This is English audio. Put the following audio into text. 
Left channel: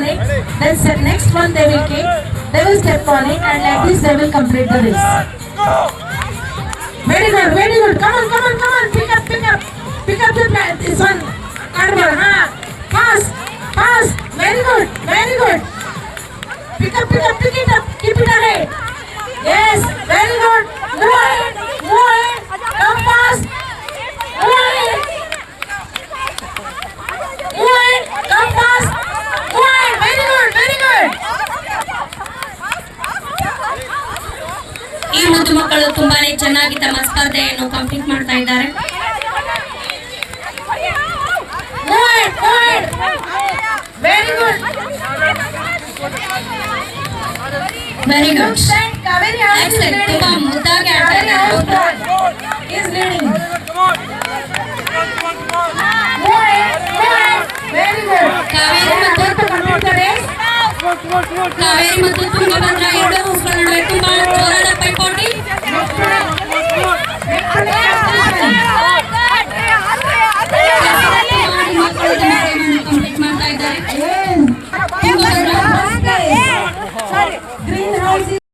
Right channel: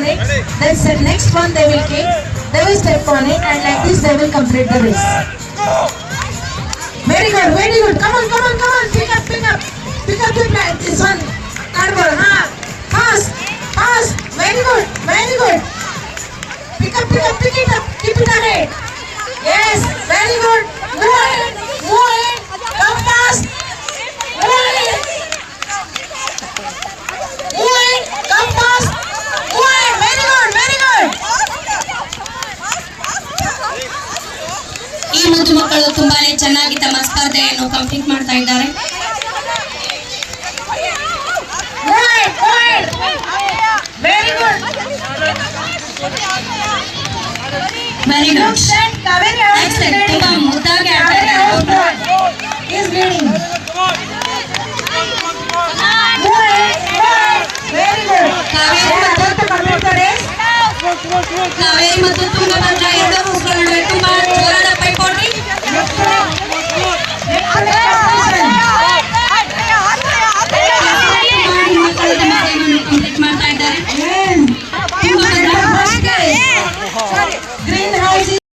on it. Then the next one they will take. They will step on it, and like this they will complete the race. Very good, very good. Come on, come on, come on. Pick up, pick up. Pick up this one. Cardboard, fast, fast. Very good, very good. Pick up, pick up, pick it up. Keep it ahead. Yes, very good. Move ahead, move ahead. Come fast. Move ahead. Move ahead. Come fast. Move ahead. Very good, very good. ಈ ಮುದ್ದು ಮಕ್ಕಳು ತುಂಬಾನೇ ಚೆನ್ನಾಗಿ ತಮ್ಮ ಸ್ಪರ್ಧೆಯನ್ನು complete ಮಾಡ್ತಾ ಇದ್ದಾರೆ. Very good. Very good. Excellent. ತುಂಬಾ ಮುದ್ದಾಗಿ ಆಡ್ತಾ ಇದ್ದಾರೆ. Is leading. Very good. Kaveri ಮತ್ತು